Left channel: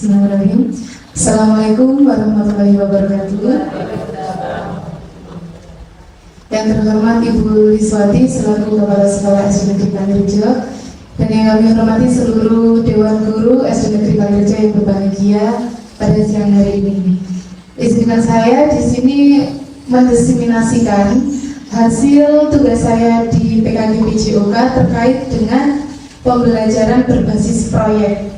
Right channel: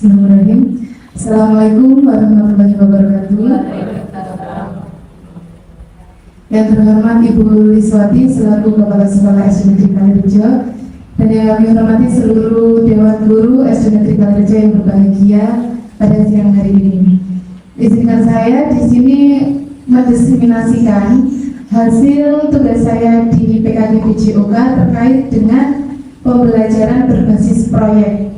Bismillahirrahmanirrahim. Assalamualaikum warahmatullahi wabarakatuh. Yang terhormat Ibu Liswati selaku Kepala Sekolah SD Negeri Kalirejo, dan yang kami hormati seluruh Dewan Guru SD Negeri Kalirejo yang berbahagia pada siang hari ini. Izinkan saya di sini mendiseminasikan hasil tugas saya di PKG PJOK terkait dengan pembelajaran berbasis proyek.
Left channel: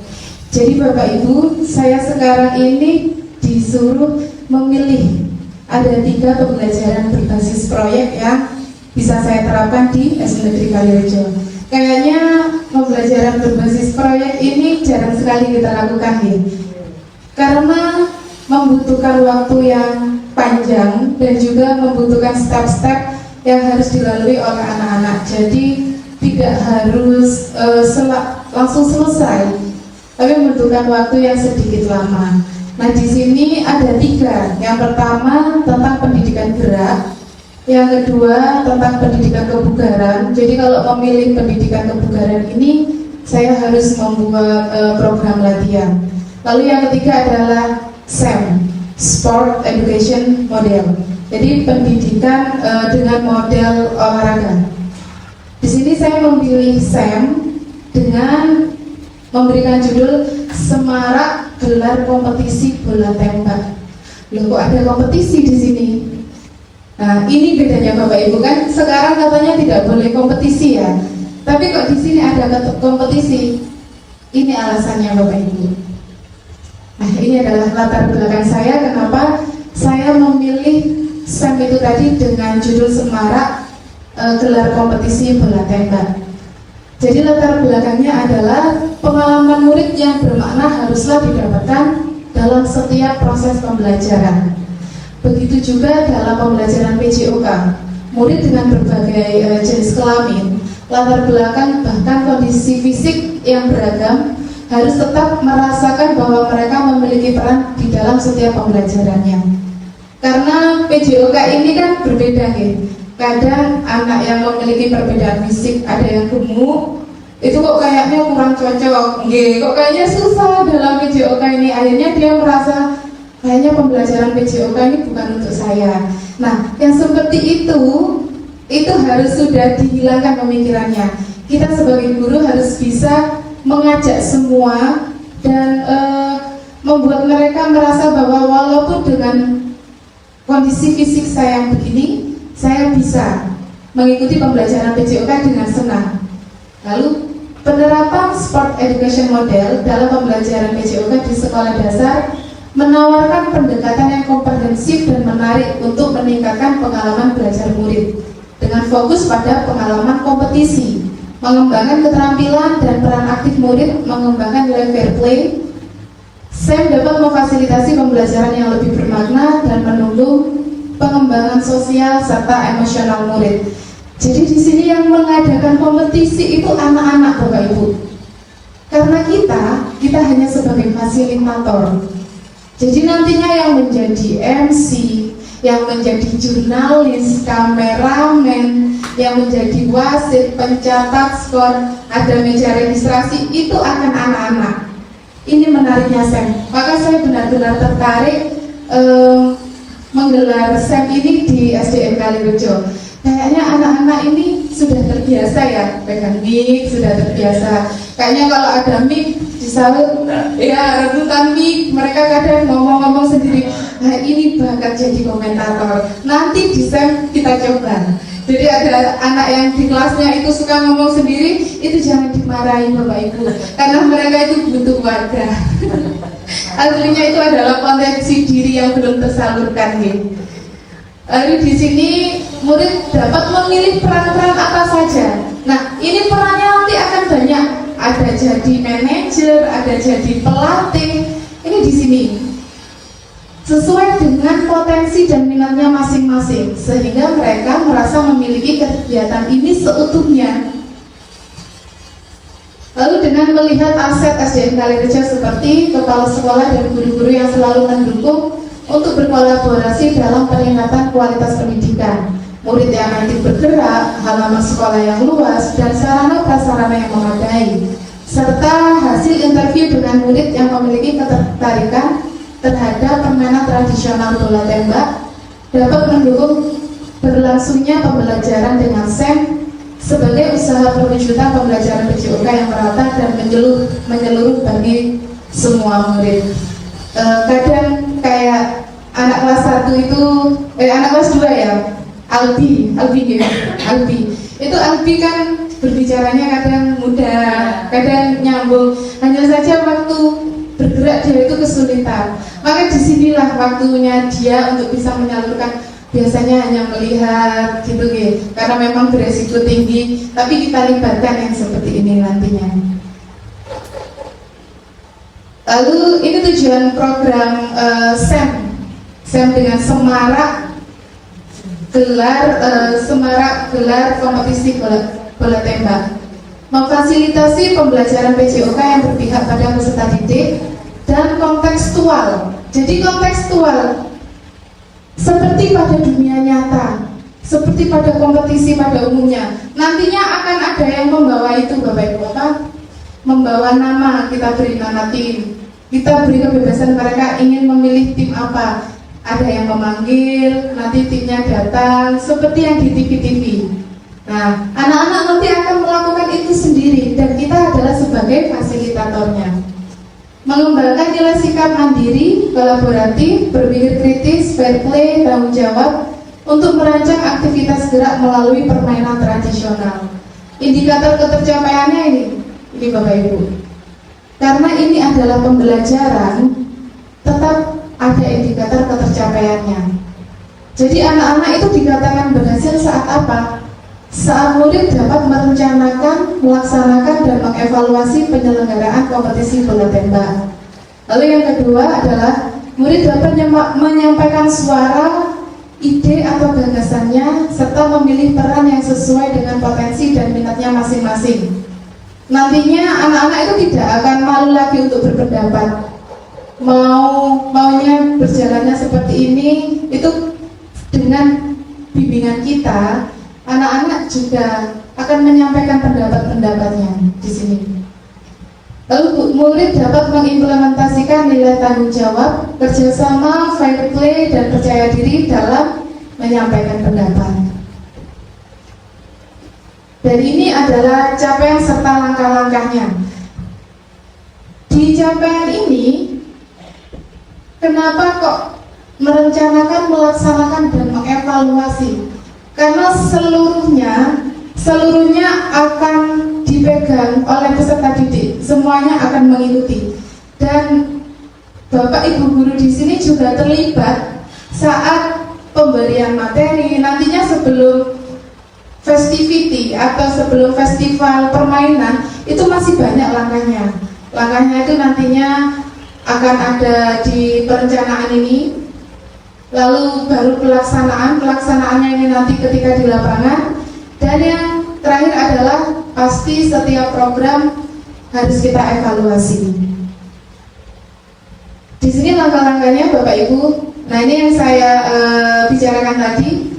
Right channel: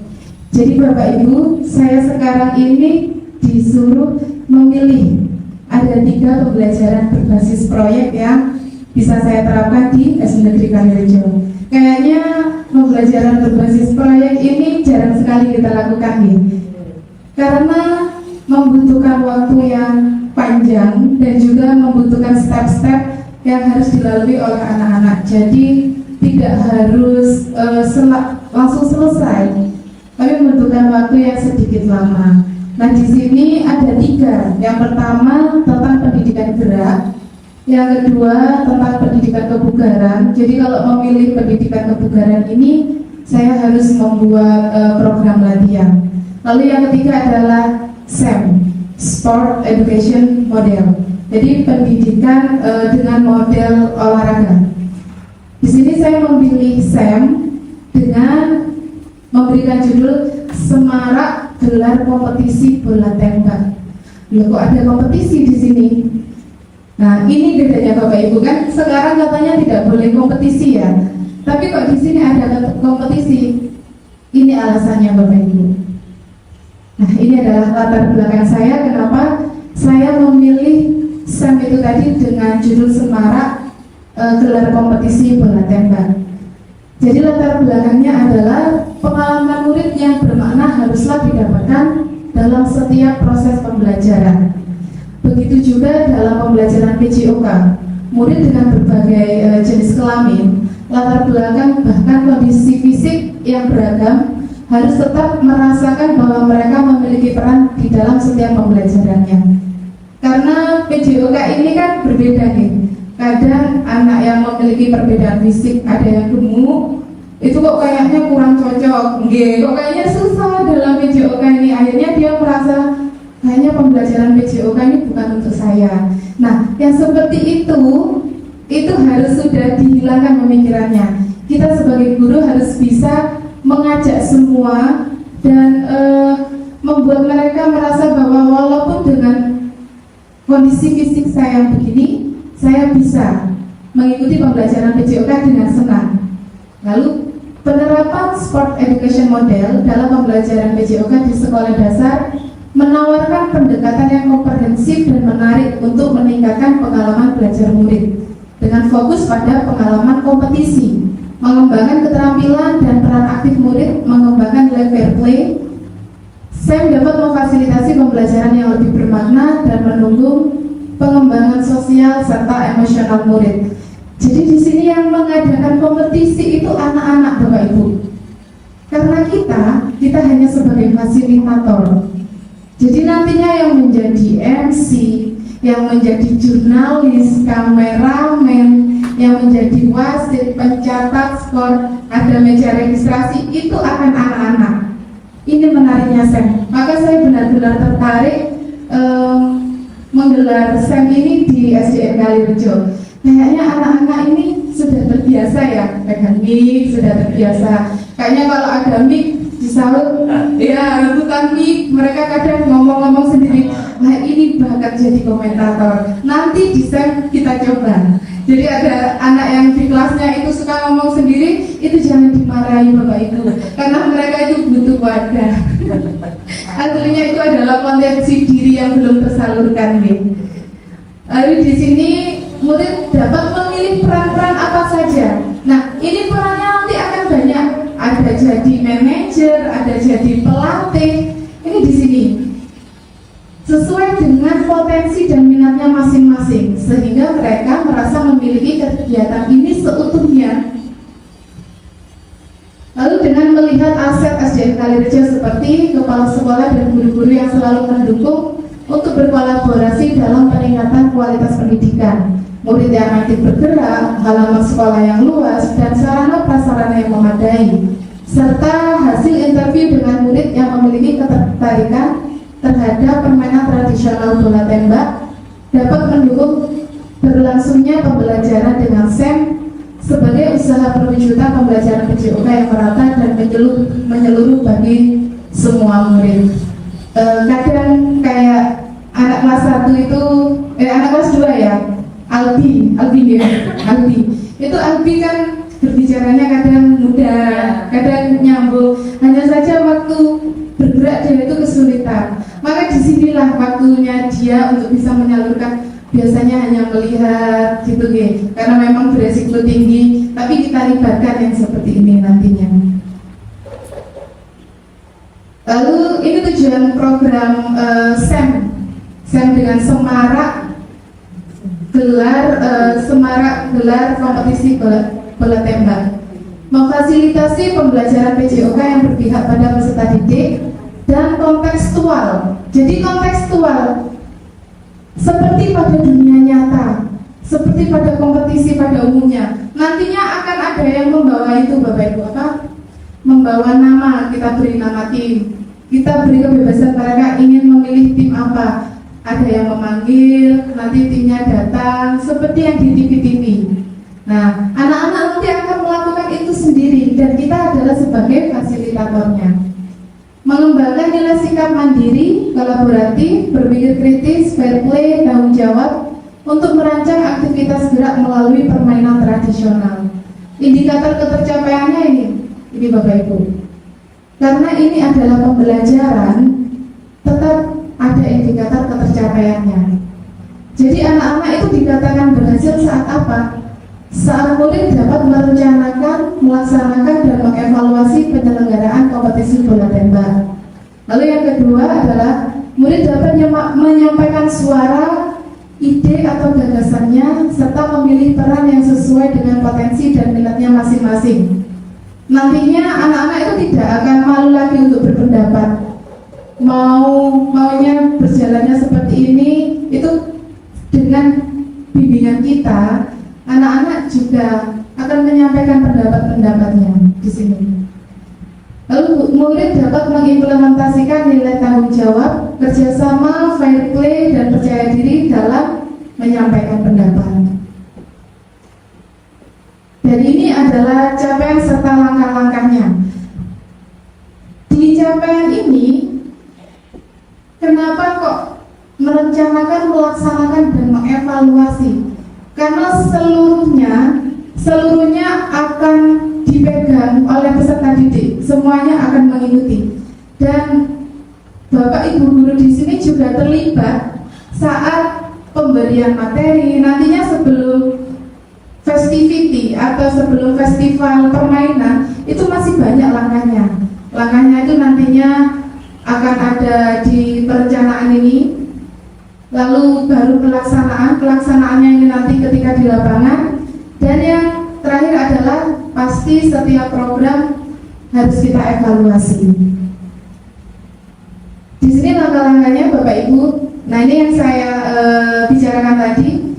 Jadi Bapak Ibu, saya sekarang ini disuruh memilih ada 3 pembelajaran berbasis proyek yang bisa saya terapkan di SD Negeri Kalirejo. Kayaknya pembelajaran berbasis proyek ini jarang sekali kita lakukan nih, karena membutuhkan waktu yang panjang dan juga membutuhkan step-step yang harus dilalui oleh anak-anak. Jadi tidak harus langsung selesai, tapi membutuhkan waktu yang sedikit lama. Nah, di sini ada 3. Yang pertama tentang pendidikan gerak, yang kedua tentang pendidikan kebugaran. Jadi kalau memilih pendidikan kebugaran ini, saya harus membuat program latihan. Lalu yang ketiga adalah SEM, Sport Education Model. Jadi pendidikan dengan model olahraga. Di sini saya memilih SEM dengan memberikan judul Semarak Gelar Kompetisi Bola Tembak. Loh, kok ada kompetisi di sini? Nah, ini bedanya Bapak Ibu, kan sekarang katanya tidak boleh kompetisi ya. Tapi kok di sini ada kompetisi? Ini alasannya Bapak Ibu. Nah, ini adalah latar belakang saya kenapa saya memilih SEM itu tadi dengan judul Semarak Gelar Kompetisi Bola Tembak. Jadi latar belakangnya adalah pengalaman murid yang bermakna haruslah didapatkan dalam setiap proses pembelajaran. Begitu juga dalam pembelajaran PJOK, murid dengan berbagai jenis kelamin, latar belakang bahkan kondisi fisik yang beragam harus tetap merasakan bahwa mereka memiliki peran di dalam setiap pembelajarannya. Karena PJOK ini kan berbeda nih. Kadang anak yang memiliki perbedaan fisik, ada yang gemuk, itu kok kayaknya kurang cocok, kok kayaknya susah dalam PJOK ini. Akhirnya dia merasa kayaknya pembelajaran PJOK ini bukan untuk saya. Nah, yang seperti itu harus sudah dihilangkan pemikirannya. Kita sebagai guru harus bisa mengajak semua dan membuat mereka merasa bahwa walaupun dengan kondisi fisik saya yang begini, saya bisa mengikuti pembelajaran PJOK dengan senang. Lalu penerapan Sport Education Model dalam pembelajaran PJOK di sekolah dasar menawarkan pendekatan yang komprehensif dan menarik untuk meningkatkan pengalaman belajar murid dengan fokus pada pengalaman kompetisi, mengembangkan keterampilan dan peran aktif murid, mengembangkan nilai fair play. SEM dapat memfasilitasi pembelajaran yang lebih bermakna dan mendukung pengembangan sosial serta emosional murid. Jadi di sini yang mengadakan kompetisi itu anak-anak Bapak Ibu. Karena kita hanya sebagai fasilitator. Jadi nantinya yang menjadi MC, yang menjadi jurnalis, kameramen, yang menjadi wasit, pencatat skor, ada meja registrasi, itu akan anak-anak. Ini menariknya SEM. Maka saya benar-benar tertarik menggelar SEM ini di SDN Kalirejo. Kayaknya anak-anak ini sudah terbiasa ya pegang mic, sudah terbiasa. Kayaknya kalau ada mic disahut, ya rebutan mic, mereka kadang ngomong-ngomong sendiri. Nah, ini bakal jadi komentator. Nanti di SEM kita coba. Jadi ada anak yang di kelasnya itu suka ngomong sendiri, itu jangan dimarahi Bapak Ibu, karena mereka itu butuh wadah. Artinya itu adalah potensi diri yang belum tersalurkan nih. Lalu di sini murid dapat memilih peran-peran apa saja. Nah, ini perannya nanti akan banyak. Ada jadi manajer, ada jadi pelatih. Ini di sini sesuai dengan potensi dan minatnya masing-masing, sehingga mereka merasa memiliki kegiatan ini seutuhnya. Lalu dengan melihat aset SDN Kalirejo seperti kepala sekolah dan guru-guru yang selalu mendukung untuk berkolaborasi dalam peningkatan kualitas pendidikan, murid yang aktif bergerak, halaman sekolah yang luas, dan sarana prasarana yang memadai, serta hasil interview dengan murid yang memiliki ketertarikan terhadap permainan tradisional bola tembak dapat mendukung berlangsungnya pembelajaran dengan SEM sebagai usaha perwujudan pembelajaran PJOK yang merata dan menyeluruh bagi semua murid. Kadang kayak anak kelas 1 itu, anak kelas 2 ya, Albi itu Albi kan berbicaranya kadang mudah, kadang nyambung, hanya saja waktu bergerak dia itu kesulitan. Maka disinilah waktunya dia untuk bisa menyalurkan, biasanya hanya melihat gitu karena memang beresiko tinggi, tapi kita libatkan yang seperti ini nantinya. Lalu ini tujuan program SEM dengan semarak gelar kompetisi bola tembak, memfasilitasi pembelajaran PJOK yang berpihak pada peserta didik dan kontekstual. Jadi kontekstual seperti pada dunia nyata, seperti pada kompetisi pada umumnya. Nantinya akan ada yang membawa itu Bapak Ibu, membawa nama, kita beri nama tim, kita beri kebebasan mereka ingin memilih tim apa. Ada yang memanggil, nanti timnya datang, seperti yang di TV-TV. Nah, anak-anak nanti akan melakukan itu sendiri dan kita adalah sebagai fasilitatornya. Mengembangkan nilai sikap mandiri, kolaboratif, berpikir kritis, fair play, tanggung jawab untuk merancang aktivitas gerak melalui permainan tradisional. Indikator ketercapaiannya ini Bapak Ibu. Karena ini adalah pembelajaran, tetap ada indikator ketercapaiannya. Jadi anak-anak itu dikatakan berhasil saat apa? Saat murid dapat merencanakan, melaksanakan, dan mengevaluasi penyelenggaraan kompetisi bola tembak. Lalu yang kedua adalah murid dapat menyampaikan suara, ide atau gagasannya, serta memilih peran yang sesuai dengan potensi dan minatnya masing-masing. Nantinya anak-anak itu tidak akan malu lagi untuk berpendapat. Maunya berjalannya seperti ini, itu dengan bimbingan kita, anak-anak juga akan menyampaikan pendapat-pendapatnya di sini. Lalu murid dapat mengimplementasikan nilai tanggung jawab, kerjasama, fair play, dan percaya diri dalam menyampaikan pendapat. Dan ini adalah capaian serta langkah-langkahnya. Di capaian ini, kenapa kok merencanakan, melaksanakan, dan mengevaluasi? Karena seluruhnya akan dipegang oleh peserta didik, semuanya akan mengikuti. Dan Bapak Ibu guru di sini juga terlibat saat pemberian materi. Nantinya sebelum festivity atau sebelum festival permainan itu masih banyak langkahnya. Langkahnya itu nantinya akan ada di perencanaan ini, lalu baru pelaksanaannya ini nanti ketika di lapangan, dan yang terakhir adalah pasti setiap program harus kita evaluasi. Di sini langkah-langkahnya Bapak Ibu. Nah, ini yang saya bicarakan tadi.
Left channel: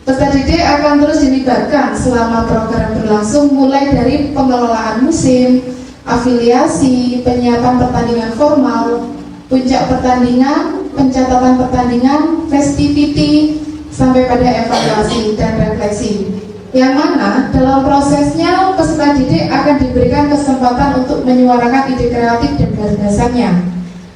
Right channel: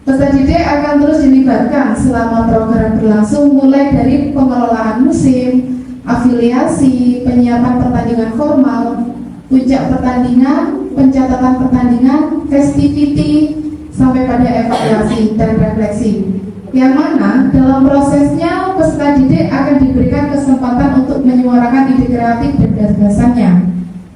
Peserta didik akan terus dilibatkan selama program berlangsung, mulai dari pengelolaan musim, afiliasi, penyiapan pertandingan formal, puncak pertandingan, pencatatan pertandingan, festivity, sampai pada evaluasi dan refleksi. Yang mana dalam prosesnya peserta didik akan diberikan kesempatan untuk menyuarakan ide kreatif dan gagasannya,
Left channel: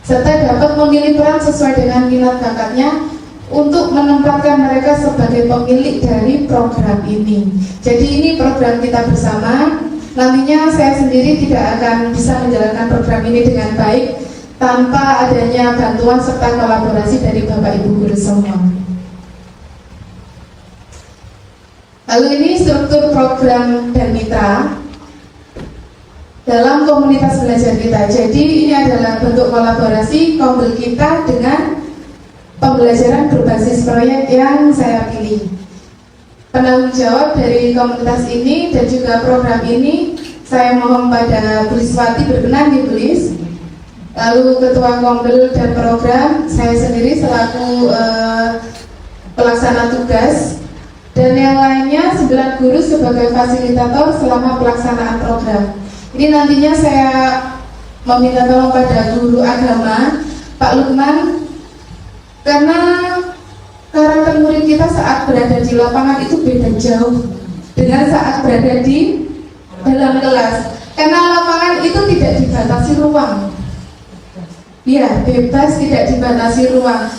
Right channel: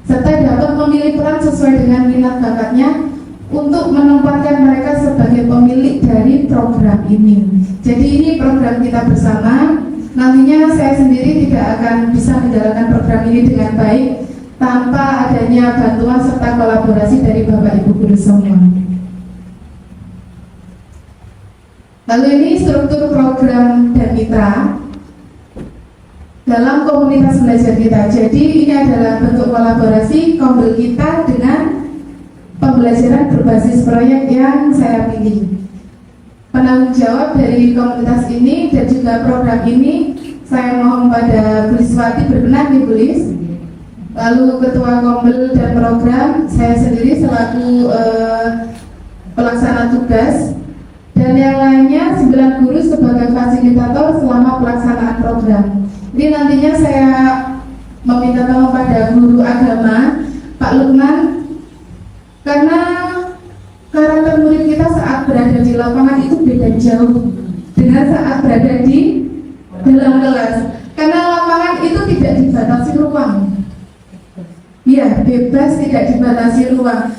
serta dapat memilih peran sesuai dengan minat bakatnya untuk menempatkan mereka sebagai pemilik dari program ini. Jadi ini program kita bersama. Nantinya saya sendiri tidak akan bisa menjalankan program ini dengan baik tanpa adanya bantuan serta kolaborasi dari Bapak Ibu guru semua. Lalu ini struktur program dan mitra dalam komunitas belajar kita. Jadi ini adalah bentuk kolaborasi kombel kita dengan pembelajaran berbasis proyek yang saya pilih. Penanggung jawab dari komunitas ini dan juga program ini saya mohon pada Bu Liswati berkenan di Bu Lis. Lalu ketua kombel dan program saya sendiri selaku pelaksana tugas. dan yang lainnya 9 guru sebagai fasilitator selama pelaksanaan program. Ini nantinya saya meminta tolong pada guru agama Pak Lukman, karena karakter murid kita saat berada di lapangan itu beda jauh dengan saat berada di dalam kelas, karena lapangan itu tidak dibatasi ruang, ya bebas, tidak dibatasi ruang.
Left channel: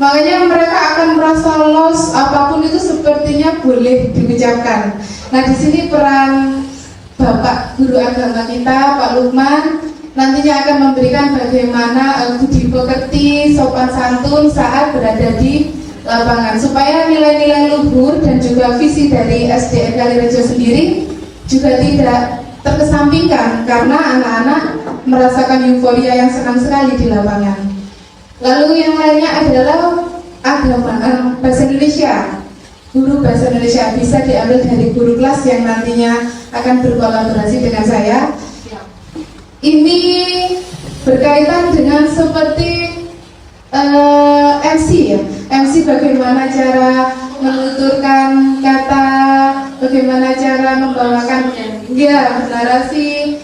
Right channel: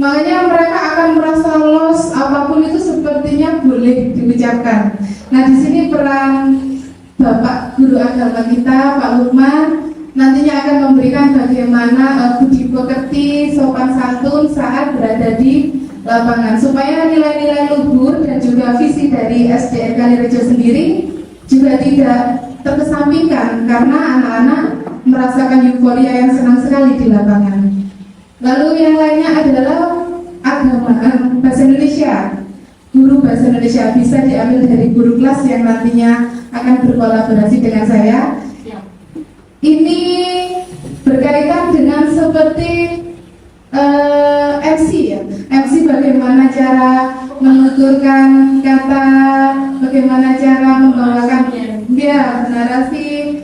Makanya mereka akan merasa los, apapun itu sepertinya boleh diucapkan. Nah, di sini peran Bapak Guru Agama kita, Pak Lukman, nantinya akan memberikan bagaimana budi pekerti, sopan santun saat berada di lapangan, supaya nilai-nilai luhur dan juga visi dari SDN Kalirejo sendiri juga tidak terkesampingkan, karena anak-anak merasakan euforia yang senang sekali di lapangan. Lalu yang lainnya adalah agama, bahasa Indonesia. Guru bahasa Indonesia bisa diambil dari guru kelas yang nantinya akan berkolaborasi dengan saya. Ini berkaitan dengan seperti MC ya. MC bagaimana cara menuturkan kata, bagaimana cara membawakan narasi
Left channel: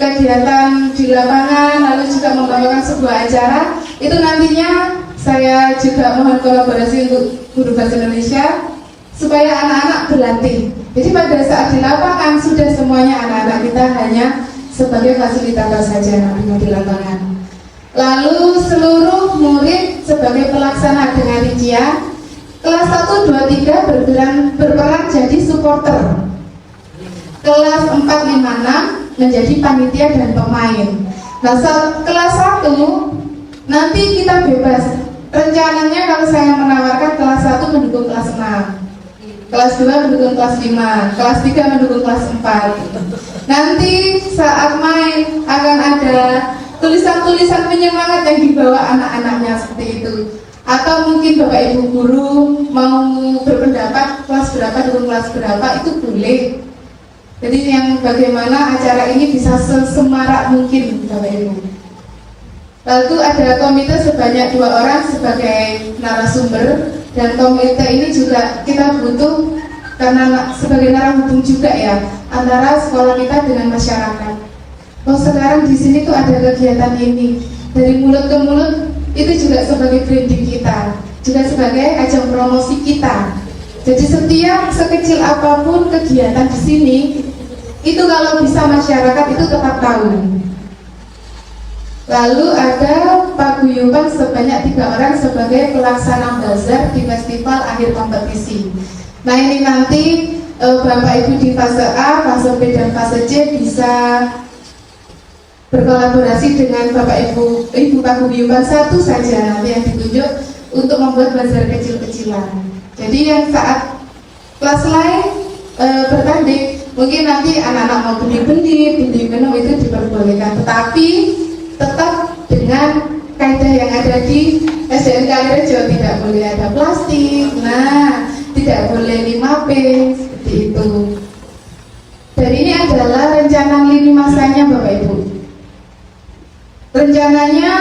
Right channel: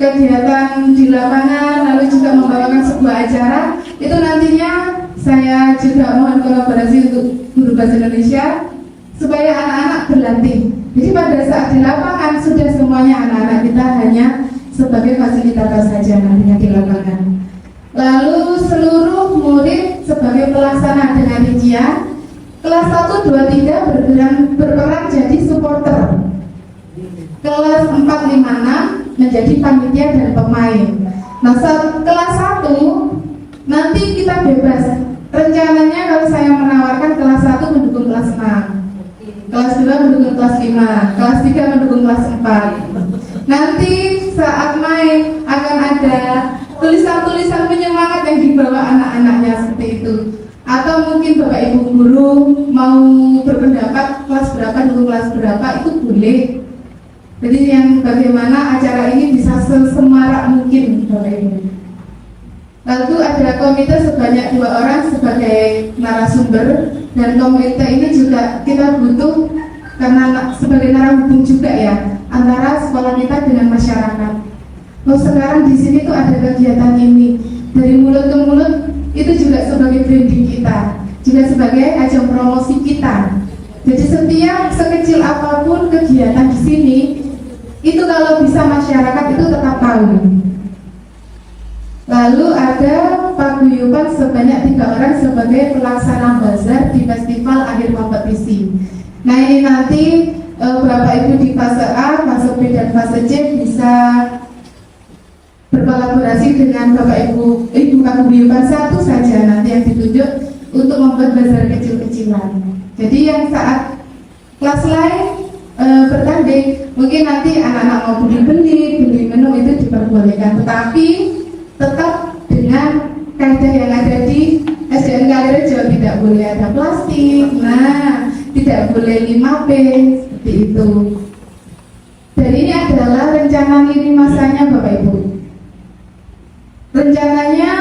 kegiatan di lapangan, lalu juga membawakan sebuah acara. Itu nantinya saya juga mohon kolaborasi untuk guru bahasa Indonesia supaya anak-anak berlatih. Jadi pada saat di lapangan sudah semuanya anak-anak kita hanya sebagai fasilitator saja nantinya di lapangan. Lalu seluruh murid sebagai pelaksana dengan rincian kelas 1, 2, 3 berperan jadi supporter. Kelas 4, 5, 6 menjadi panitia dan pemain. Nah, kelas 1 nanti kita bebas. Rencananya kalau saya menawarkan kelas 1 mendukung kelas 6, kelas 2 mendukung kelas 5, kelas 3 mendukung kelas 4. Nanti saat main akan ada tulisan-tulisan penyemangat yang dibawa anak-anaknya seperti itu. Atau mungkin Bapak Ibu guru mau berpendapat kelas berapa dukung kelas berapa, itu boleh. Jadi yang bagaimana acara ini bisa sesemarak mungkin Bapak Ibu. Lalu ada komite sebanyak 2 orang sebagai narasumber, dan komite ini juga kita butuh karena sebagai narasumber juga ya, antara sekolah kita dengan masyarakat. Oh, sekarang di sini tuh ada kegiatan ini, dari mulut ke mulut, itu juga sebagai branding kita, juga sebagai ajang promosi kita. Jadi setiap sekecil apapun kegiatan di sini, itu kalau bisa masyarakat itu tetap tahu. Lalu ada paguyuban sebanyak 3 orang sebagai pelaksana bazar di festival akhir kompetisi. Nah, ini nanti Bapak Ibu di fase A, fase B dan fase C bisa berkolaborasi dengan Bapak Ibu paguyuban 1 saja nanti yang ditunjuk untuk membuat bazar kecil-kecilan. Jadi yang saat kelas lain bertanding, mungkin nanti anak-anak mau beli minum itu diperbolehkan, tetapi tetap dengan kaidah yang ada di SDN Kalirejo, tidak boleh ada plastik, tidak boleh 5P, seperti itu. Dan ini adalah rencana lini masanya Bapak Ibu. Rencananya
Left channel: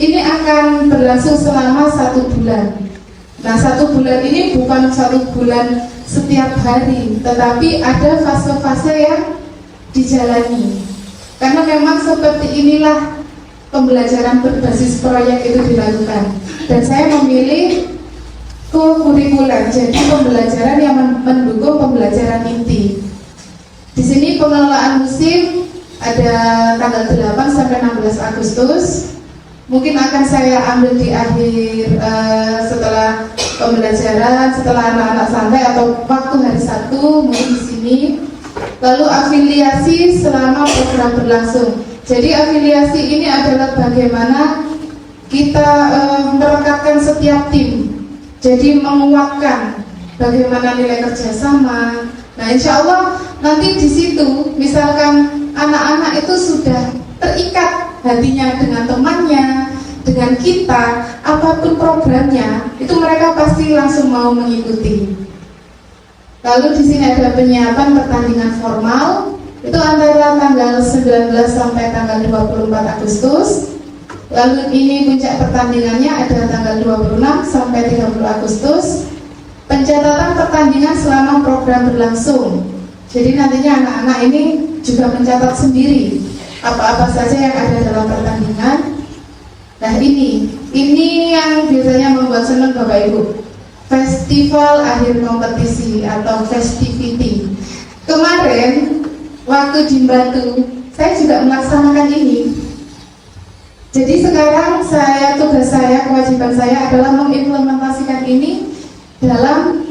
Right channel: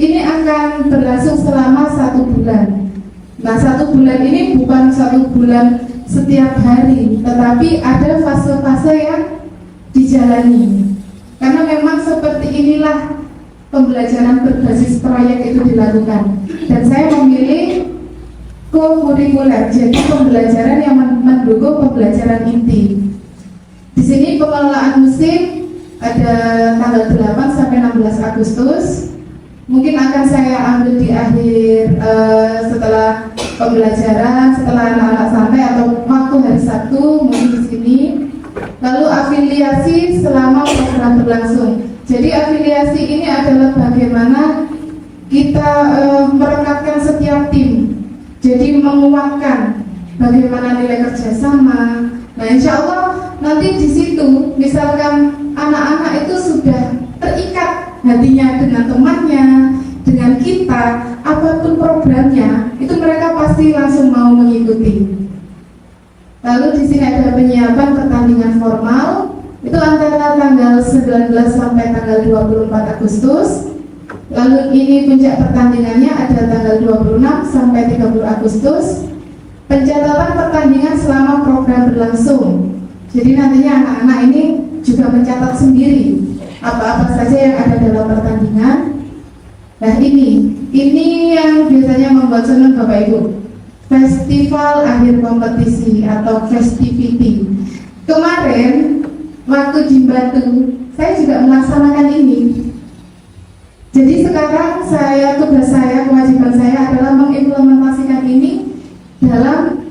ini akan berlangsung selama 1 bulan. Nah, 1 bulan ini bukan 1 bulan setiap hari, tetapi ada fase-fase yang dijalani. Karena memang seperti inilah pembelajaran berbasis proyek itu dilakukan. Dan saya memilih kurikuler, jadi pembelajaran yang mendukung pembelajaran inti. Di sini pengelolaan musim ada tanggal 8 sampai 16 Agustus. Mungkin akan saya ambil di akhir setelah pembelajaran, setelah anak-anak santai atau waktu hari Sabtu, mungkin di sini. Lalu afiliasi selama program berlangsung. Jadi afiliasi ini adalah bagaimana kita merekatkan setiap tim. Jadi menguatkan bagaimana nilai kerjasama. Nah, insya Allah nanti di situ, misalkan anak-anak itu sudah terikat hatinya dengan temannya, dengan kita, apapun programnya, itu mereka pasti langsung mau mengikuti. Lalu di sini ada penyiapan pertandingan formal, itu antara tanggal 19 sampai tanggal 24 Agustus. Lalu ini puncak pertandingannya ada tanggal 26 sampai 30 Agustus. Pencatatan pertandingan selama program berlangsung. Jadi nantinya anak-anak ini juga mencatat sendiri apa-apa saja yang ada dalam pertandingan. Nah ini yang biasanya membuat senang Bapak Ibu. Festival akhir kompetisi atau festivity. Kemarin waktu di Batu saya juga melaksanakan ini. Jadi sekarang tugas saya, kewajiban saya adalah mengimplementasikan ini dalam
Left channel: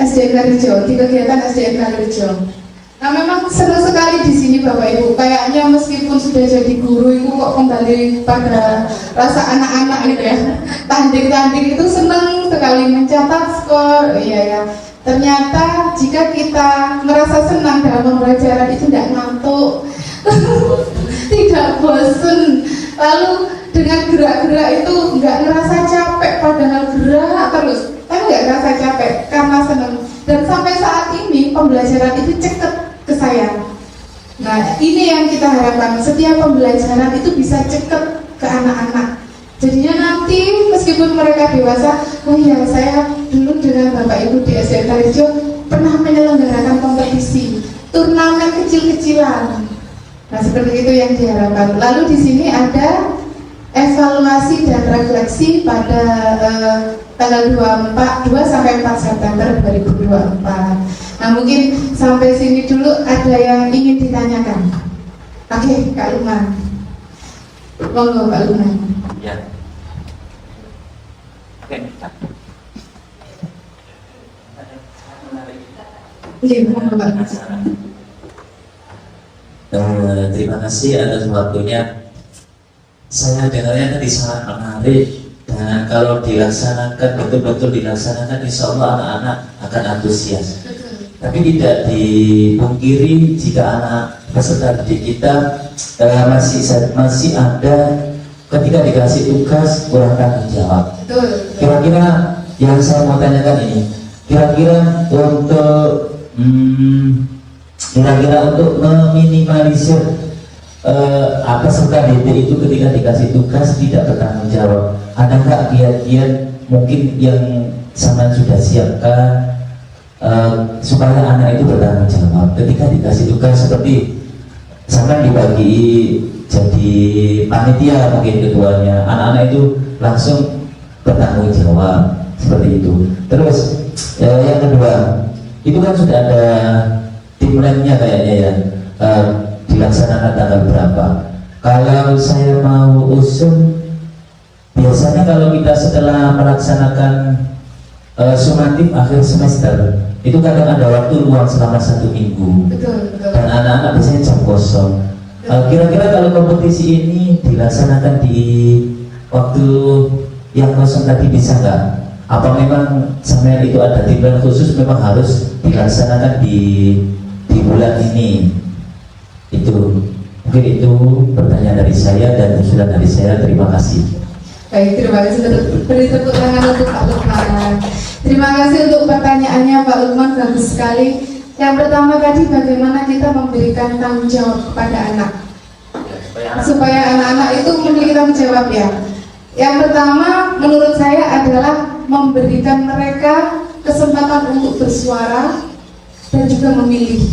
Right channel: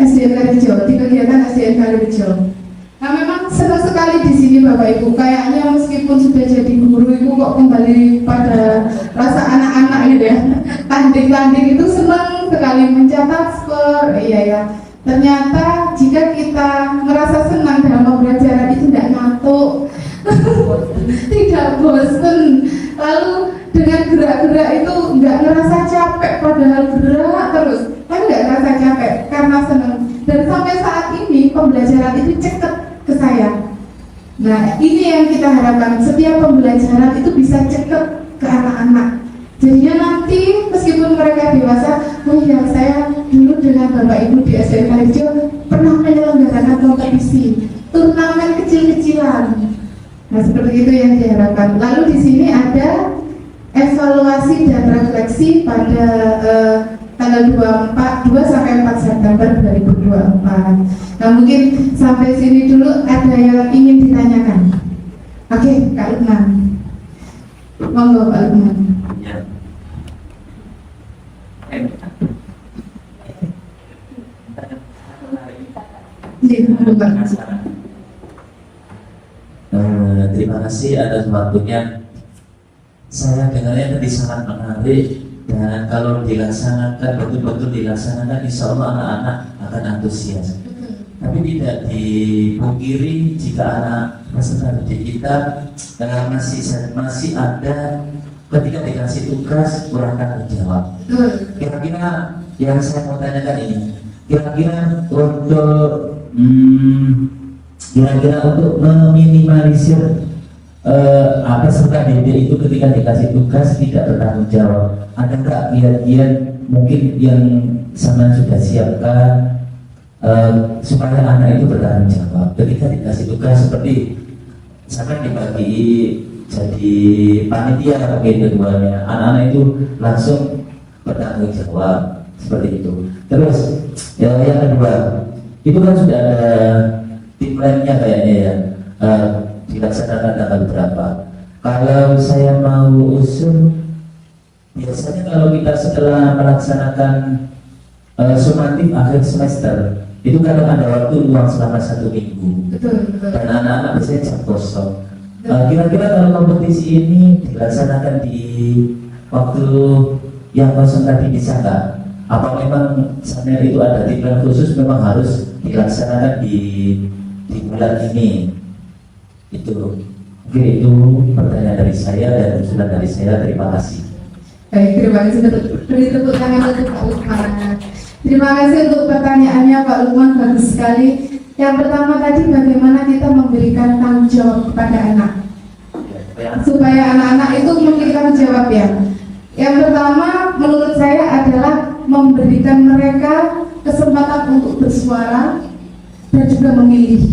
SDN Kalirejo, di kegiatan SDN Kalirejo. Nah memang senang sekali di sini Bapak Ibu. Kayaknya meskipun sudah jadi guru itu kok kembali pada rasa anak-anak gitu ya. Tanding-tanding itu senang sekali mencatat skor. Iya ya. Ternyata jika kita merasa senang dalam pembelajaran itu tidak ngantuk, tidak bosen. Lalu dengan gerak-gerak itu nggak ngerasa capek, padahal gerak terus. Tapi nggak ngerasa capek karena senang. Dan sampai saat ini pembelajaran itu ceket ke saya. Nah ini yang kita harapkan, setiap pembelajaran itu bisa ceket ke anak-anak. Jadinya nanti meskipun mereka dewasa, oh iya saya dulu dengan Bapak Ibu di SDN Kalirejo pernah menyelenggarakan kompetisi turnamen kecil-kecilan. Nah seperti itu yang diharapkan. Lalu di sini ada evaluasi dan refleksi pada tanggal 2 sampai 4 September 2024. Nah mungkin sampai sini dulu ada yang ingin ditanyakan. Oke, Kak Lukman. Monggo Kak Lukman. Ya. Monggo Pak. Terima kasih atas waktunya. Saya dengarnya tadi sangat menarik, dan kalau dilaksanakan betul-betul dilaksanakan, insya Allah anak-anak akan antusias. Tapi tidak dipungkiri jika anak peserta didik kita masih ada ketika dikasih tugas kurang tanggung jawab. Kira-kira yang saya mau tanyakan ini, kira-kira untuk meminimalisir peserta didik itu ketika dikasih tugas tidak bertanggung jawab, ada nggak kiat-kiat mungkin yang sama sudah siapkan supaya anak itu bertanggung jawab ketika dikasih tugas, seperti sampai dibagi jadi panitia mungkin ketuanya, anak-anak itu langsung bertanggung jawab seperti itu. Terus yang kedua, itu kan sudah ada timeline-nya kayaknya ya, dilaksanakan tanggal berapa. Kalau saya mau usul, biasanya kalau kita setelah melaksanakan sumatif akhir semester, itu kadang ada waktu luang selama 1 minggu. Betul. Dan anak-anak biasanya jam kosong. Kira-kira kalau kompetisi ini dilaksanakan di waktu yang kosong tadi bisa nggak? Apa memang sampai itu ada timeline khusus, memang harus dilaksanakan di bulan ini? Itu mungkin itu pertanyaan dari saya dan usulan dari saya. Terima kasih. Baik, terima kasih. Beri tepuk tangan untuk Pak Lukman. Terima kasih untuk pertanyaannya Pak Lukman, bagus sekali. Yang pertama tadi, bagaimana kita memberikan tanggung jawab kepada anak supaya anak-anak itu memiliki tanggung jawab ya. Yang pertama menurut saya adalah memberikan mereka kesempatan untuk bersuara dan juga memilih.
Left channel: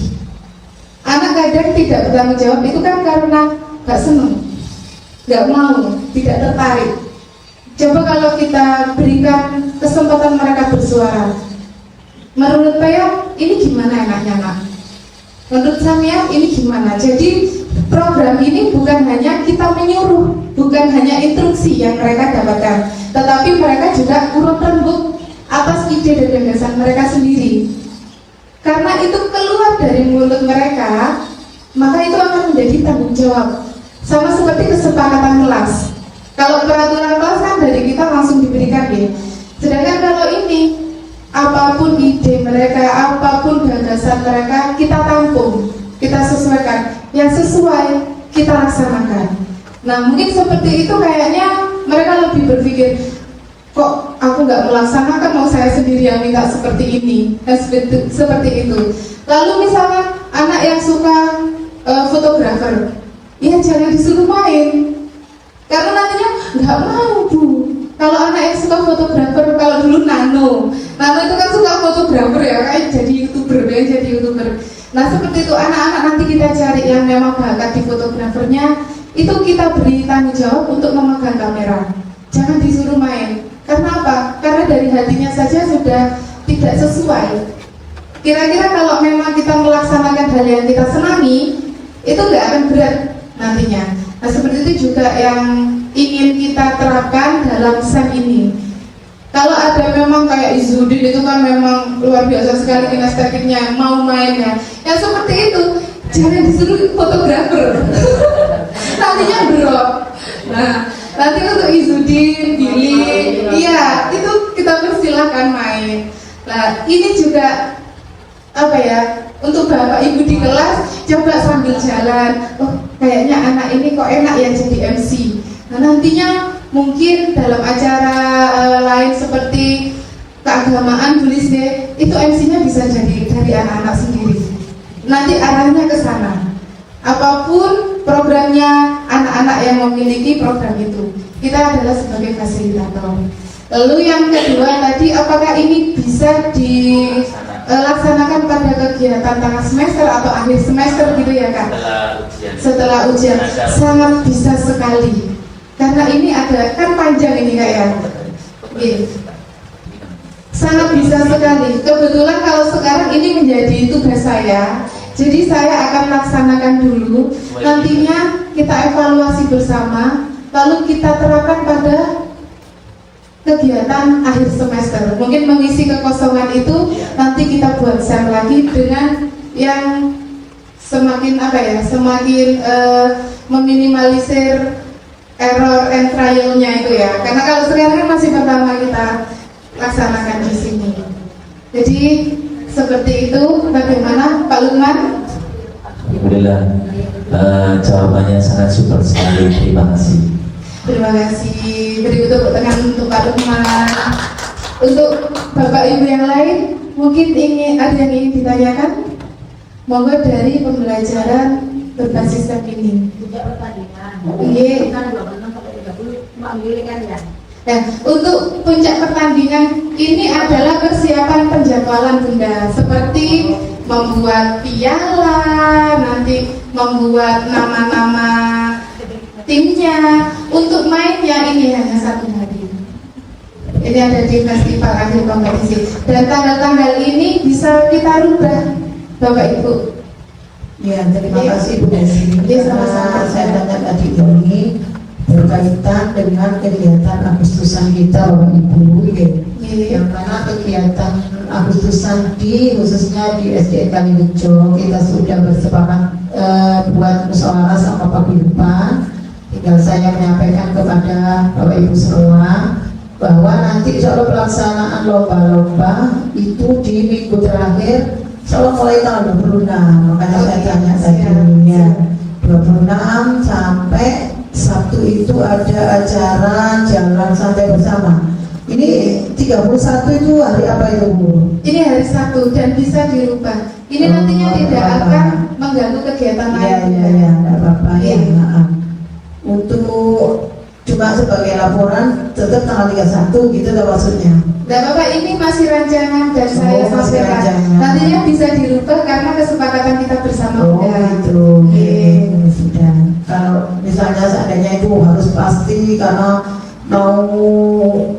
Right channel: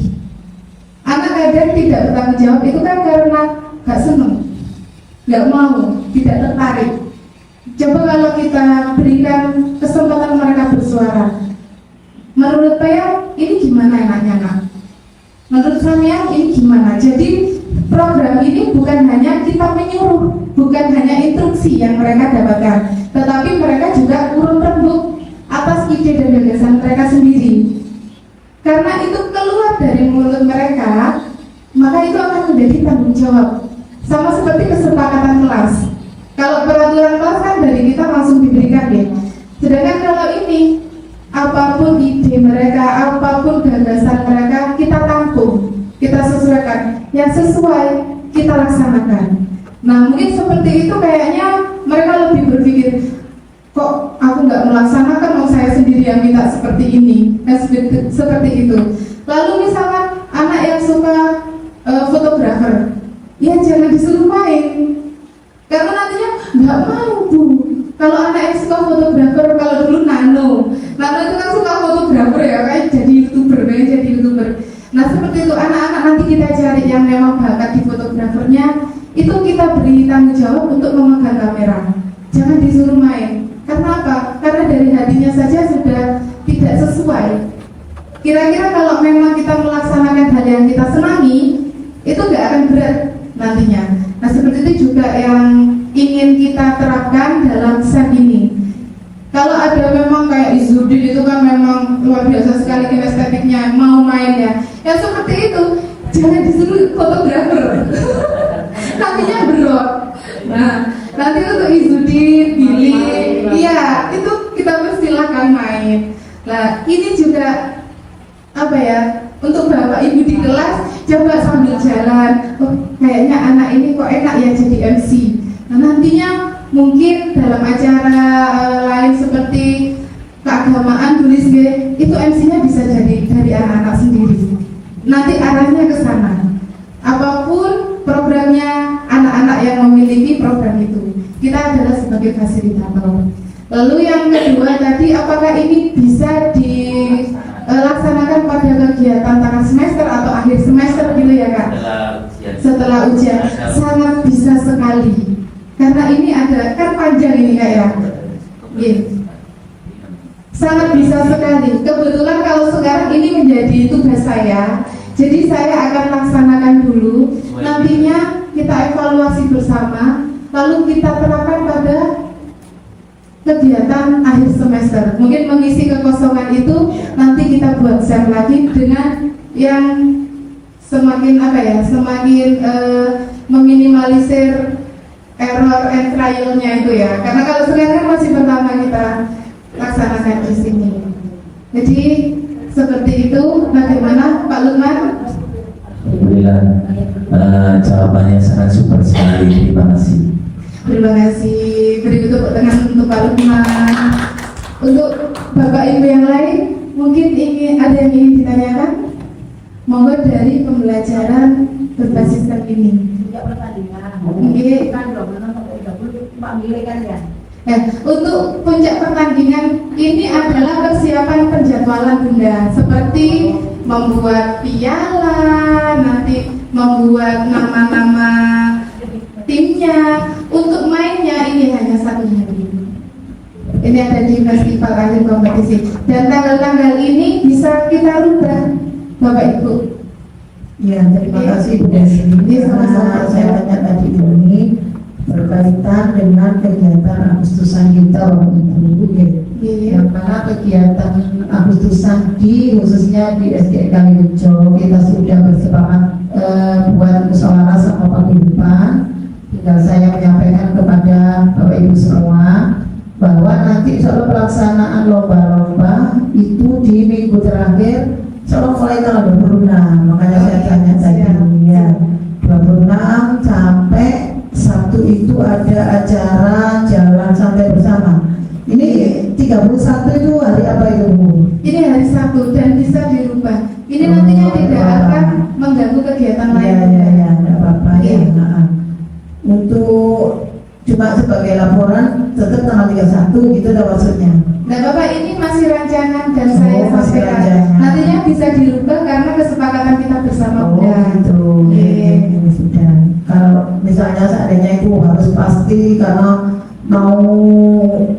Anak kadang tidak bertanggung jawab itu kan karena gak senang, gak mau, tidak tertarik. Coba kalau kita berikan kesempatan mereka bersuara, menurut saya ini gimana enaknya nak? Menurut saya ini gimana? Jadi program ini bukan hanya kita menyuruh, bukan hanya instruksi yang mereka dapatkan, tetapi mereka juga turun rembuk atas ide dan gagasan mereka sendiri. Karena itu keluar dari mulut mereka, maka itu akan menjadi tanggung jawab. Sama seperti kesepakatan kelas. Kalau peraturan kelas kan dari kita langsung diberikan ya. Sedangkan kalau ini, apapun ide mereka, apapun gagasan mereka, kita tampung, kita sesuaikan. Yang sesuai, kita laksanakan. Nah mungkin seperti itu kayaknya mereka lebih berpikir, kok aku nggak melaksanakan, mau saya sendiri yang minta seperti ini, seperti itu. Lalu misalnya anak yang suka fotografer, ya jangan disuruh main, karena nantinya nggak mau bu. Kalau anak yang suka fotografer, kalau dulu Nano itu kan suka fotografer ya, kayak jadi youtuber. Nah seperti itu anak-anak nanti kita cari yang memang bakat di fotografernya, itu kita beri tanggung jawab untuk memegang kamera. Jangan disuruh main. Karena apa? Karena dari hatinya saja sudah tidak sesuai. Kira-kira kalau memang kita melaksanakan hal yang kita senangi, itu nggak akan berat nantinya. Nah seperti itu juga yang ingin kita terapkan dalam SEM ini. Kalau ada memang kayak Izudin itu kan memang luar biasa sekali kinestetiknya, mau main ya. Yang seperti itu jangan disuruh fotografer. Nantinya berat. Nah, nanti untuk Izudin, Billy, iya itu kita persilahkan main. Nah, ini juga apa ya? Untuk bapak ibu di kelas coba sambil jalan. Oh, kayaknya anak ini kok enak ya jadi MC. Nah, nantinya mungkin dalam acara lain seperti keagamaan, tulis deh, itu MC-nya bisa jadi dari anak-anak sendiri. Nanti arahnya ke sana. Apapun programnya anak-anak yang memiliki program itu, kita adalah sebagai fasilitator. Lalu yang kedua tadi, apakah ini bisa dilaksanakan pada kegiatan tengah semester atau akhir semester gitu ya Kak? Setelah ujian, sangat bisa sekali. Karena ini ada, kan panjang ini Kak ya. Sangat bisa sekali. Kebetulan kalau sekarang ini menjadi tugas saya, jadi saya akan laksanakan dulu. Nantinya kita evaluasi bersama, lalu kita terapkan pada kegiatan akhir semester. Mungkin mengisi kekosongan itu nanti kita buat SEM lagi dengan yang semakin apa ya, semakin meminimalisir error and trial-nya itu ya. Karena kalau sekarang masih pertama kita laksanakan di sini. Jadi seperti itu. Bagaimana Pak Lukman? Alhamdulillah, jawabannya sangat super sekali. Terima kasih. Terima kasih. Beri tepuk tangan untuk Pak Lukman. Untuk Bapak Ibu yang lain, mungkin ada yang ingin ditanyakan? Monggo dari pembelajaran berbasis STEM ini. Tidak pertandingan. Oke. Kan 2 menit sampai 30 memilih kan ya. Nah, untuk puncak pertandingan ini adalah persiapan penjadwalan Bunda, seperti membuat piala, nanti membuat nama-nama timnya. Untuk mainnya ini hanya 1 hari. Ini ada di festival akhir kompetisi. Dan tanggal-tanggal ini bisa kita rubah, Bapak Ibu. Ya, terima kasih Bu Desi. Sama-sama. Saya tanya tadi ini berkaitan dengan kegiatan Agustusan kita Bapak Ibu ya. Yang mana kegiatan Agustusan khususnya di SD Kalirejo kita sudah bersepakat buat musyawarah sama Pak Guyupan. Tinggal saya menyampaikan kepada Bapak Ibu semua bahwa nanti insya Allah pelaksanaan lomba-lomba itu di minggu terakhir insya Allah mulai tanggal 26. Makanya saya tanya tadi ya 26 sampai Sabtu itu ada acara jalan santai bersama. Ini 31 itu hari apa itu Bu? Ini hari Sabtu dan bisa dirubah. Ini nantinya tidak akan mengganggu kegiatan lain. Iya, enggak apa-apa ya. Untuk cuma sebagai laporan tetap tanggal 31 gitu kan maksudnya. Nah Bapak, ini masih rancangan dan saya masih sampaikan. rancangan. Nantinya bisa dirubah karena kesepakatan kita bersama Bunda. Gitu. Sudah. Kalau misalnya seandainya itu harus pasti karena mau